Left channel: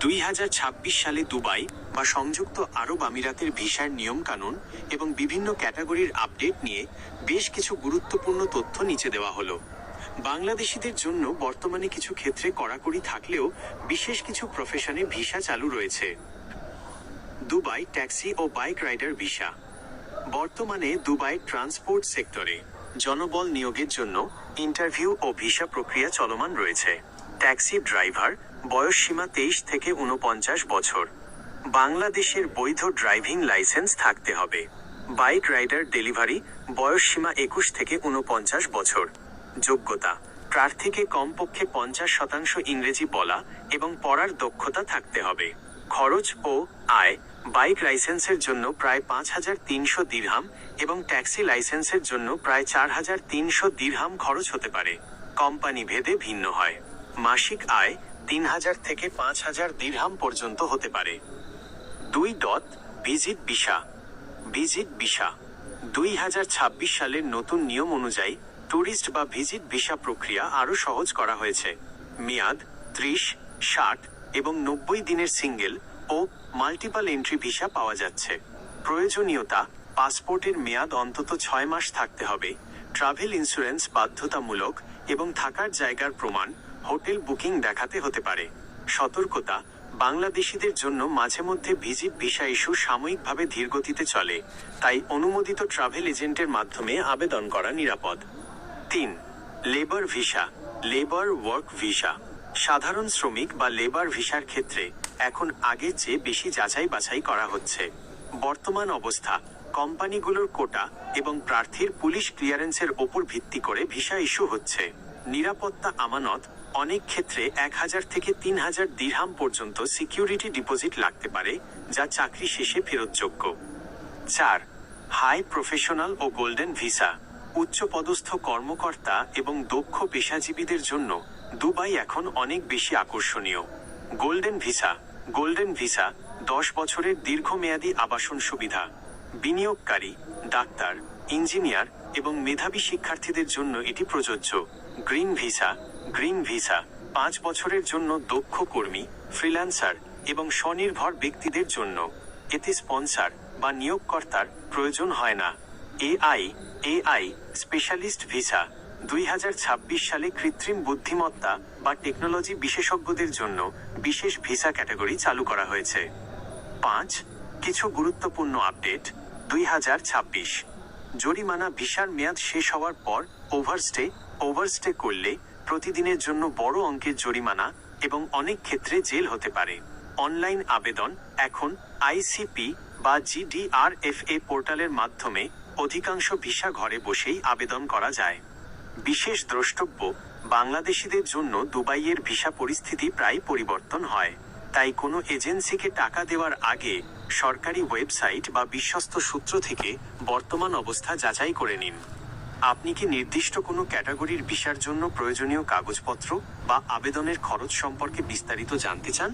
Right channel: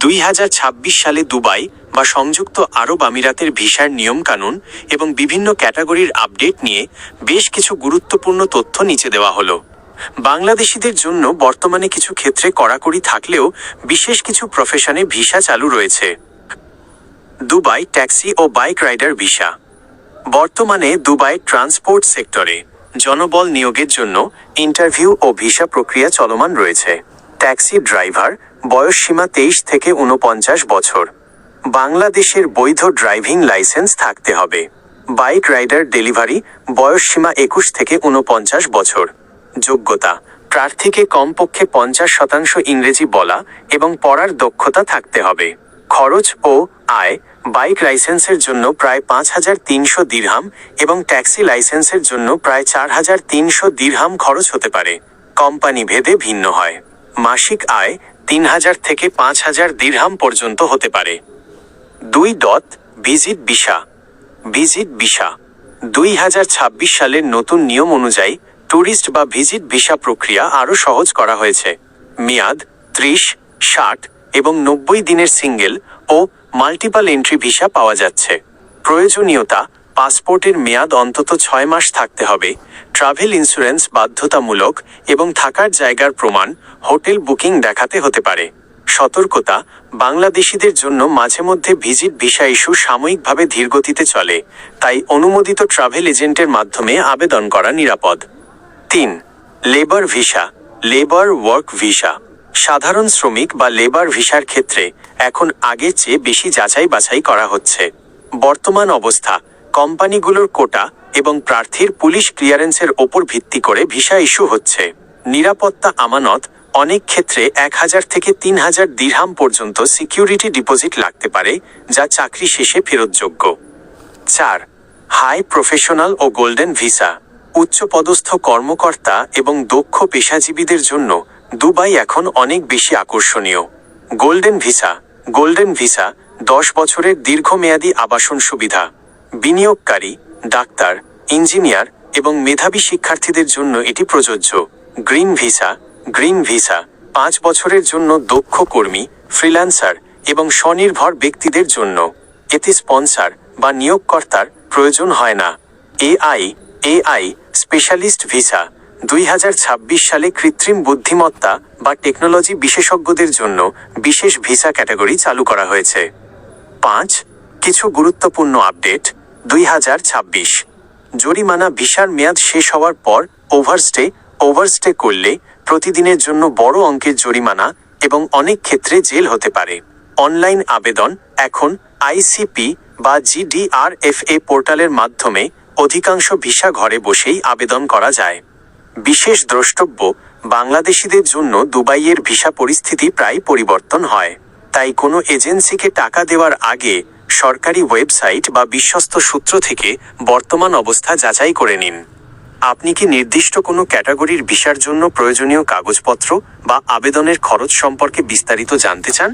2026 সালে দুবাই বা সংযুক্ত আরব আমিরাতের ভিসার নিয়মকানুন এবং বিভিন্ন ক্যাটাগরির আপডেট নিয়ে বেশ কিছু গুরুত্বপূর্ণ তথ্য নিচে দেওয়া হলো। বাংলাদেশিদের জন্য বর্তমানে কিছু ক্ষেত্রে কড়াকড়ি থাকলেও বিশেষ কিছু প্রফেশনে ভিসা চালু রয়েছে। দুবাই ট্যাক্সি ও বাইক রাইডার ভিসা। বর্তমানে দুবাই ট্রান্সপোর্ট সেক্টরে জনবল নিয়োগের জন্য ইন্টারভিউ ও ভিসা প্রক্রিয়া চলমান রয়েছে। ট্যাক্সি ড্রাইভার বয়সসীমা 23 থেকে 49 বছর। বাংলাদেশের বৈধ ড্রাইভিং লাইসেন্স থাকতে হবে। বাইক রাইডার ডেলিভারি বয়সসীমা 21 থেকে 49 বছর। যোগ্যতা প্রার্থীকে কমপক্ষে 50% ইংরেজি বলা এবং পড়ার দক্ষতা থাকতে হবে। খরচ ও আয় বাইক লাইসেন্সের জন্য প্রায় 5300 দিরহাম এবং ট্যাক্সি লাইসেন্সের জন্য প্রায় 4300 দিরহাম খরচ হতে পারে। কোম্পানি ভেদে ভিন্ন হয়। মাসিক আয় 3000 থেকে 5000 দিরহাম পর্যন্ত হতে পারে। Visit visa. ভিজিট ভিসা 2026 সালের নতুন নিয়ম অনুযায়ী ট্যুরিস্ট বা ভিজিট ভিসা প্রক্রিয়া আরও সহজ করা হয়েছে। মেয়াদ 30, 60 এবং 90 দিনের সিঙ্গেল ও মাল্টিপল এন্ট্রি ভিসা পাওয়া যাচ্ছে। প্রয়োজনীয়তা পাসপোর্টের মেয়াদ অন্তত 6 মাস থাকতে হবে। ট্রাভেল ইন্স্যুরেন্স বাধ্যতামূলক এবং থাকার জায়গার প্রমাণ হোটেল বুকিং দেখাতে হতে পারে। সতর্কতা বাংলাদেশিদের জন্য মাঝে মধ্যে ভিজিট ভিসা ইস্যু সাময়িকভাবে ধীরগতিতে চলে, তাই অনুমোদিত ট্রাভেল এজেন্টের মাধ্যমে আবেদন করা নিরাপদ। 3. Labour visa. Labour work visa. সাধারণ শ্রমিক বা লেবার ভিসার ক্ষেত্রে এখন আগের চেয়ে বেশি যাচাই বাছাই করা হচ্ছে। বর্তমান অবস্থা কোম্পানিগুলোর কোটা এবং প্রার্থীর পুলিশ ক্লিয়ারেন্সের ওপর ভিত্তি করে ভিসা ইস্যু হচ্ছে। নিরাপত্তা আমানত অনেক ক্ষেত্রে 1000 থেকে 3000 দিরহাম পর্যন্ত সিকিউরিটি ডিপোজিট লাগতে পারে, যা চাকরি শেষে ফেরতযোগ্য। 4. হাই প্রফেশনাল ও গোল্ডেন ভিসা। উচ্চপদস্থ কর্মকর্তা এবং দক্ষ পেশাজীবীদের জন্য দুবাই এখন অনেক বেশি আকর্ষণীয়। Golden visa. গোল্ডেন ভিসা 10 বছরের দীর্ঘমেয়াদী আবাসন সুবিধা। বিনিয়োগকারী, ডাক্তার, ইঞ্জিনিয়ার এবং মেধাবী শিক্ষার্থীদের জন্য এটি প্রযোজ্য। Green visa. গ্রিন ভিসা 5 বছরের জন্য দক্ষ কর্মী, ফ্রিল্যান্সার এবং স্বনির্ভর ব্যক্তিদের জন্য। এতে স্পন্সর বা নিয়োগকর্তার প্রয়োজন হয় না। AI specialist visa. 2026 সালে কৃত্রিম বুদ্ধিমত্তা বা টেকনোলজি বিশেষজ্ঞদের জন্য বিশেষ ভিসা ক্যাটাগরি চালু করা হয়েছে। 5. কিছু গুরুত্বপূর্ণ আপডেট। 2026 জরিমানা ভিসার মেয়াদ শেষ হওয়ার পর ওভারস্টে করলে প্রতিদিনের জন্য বড় অঙ্কের জরিমানা এবং অনেক ক্ষেত্রে জেল হতে পারে। অনলাইন আবেদন এখন আইসিপি বা জিডিআরএফএ পোর্টালের মাধ্যমে অধিকাংশ ভিসা ঘরে বসেই আবেদন করা যায়। বিশেষ দ্রষ্টব্য বাংলাদেশিদের জন্য দুবাইয়ের ভিসা পরিস্থিতি প্রায় পরিবর্তন হয়, তাই কোনো এজেন্সিকে টাকা দেওয়ার আগে সরকারি ওয়েবসাইট বা বিশ্বস্ত সূত্র থেকে বর্তমান অবস্থা যাচাই করে নিন। আপনি কি নির্দিষ্ট কোনো ক্যাটাগরির ভিসার জন্য প্রয়োজনীয় কাগজপত্র বা আবেদনের খরচ সম্পর্কে বিস্তারিত জানতে চান?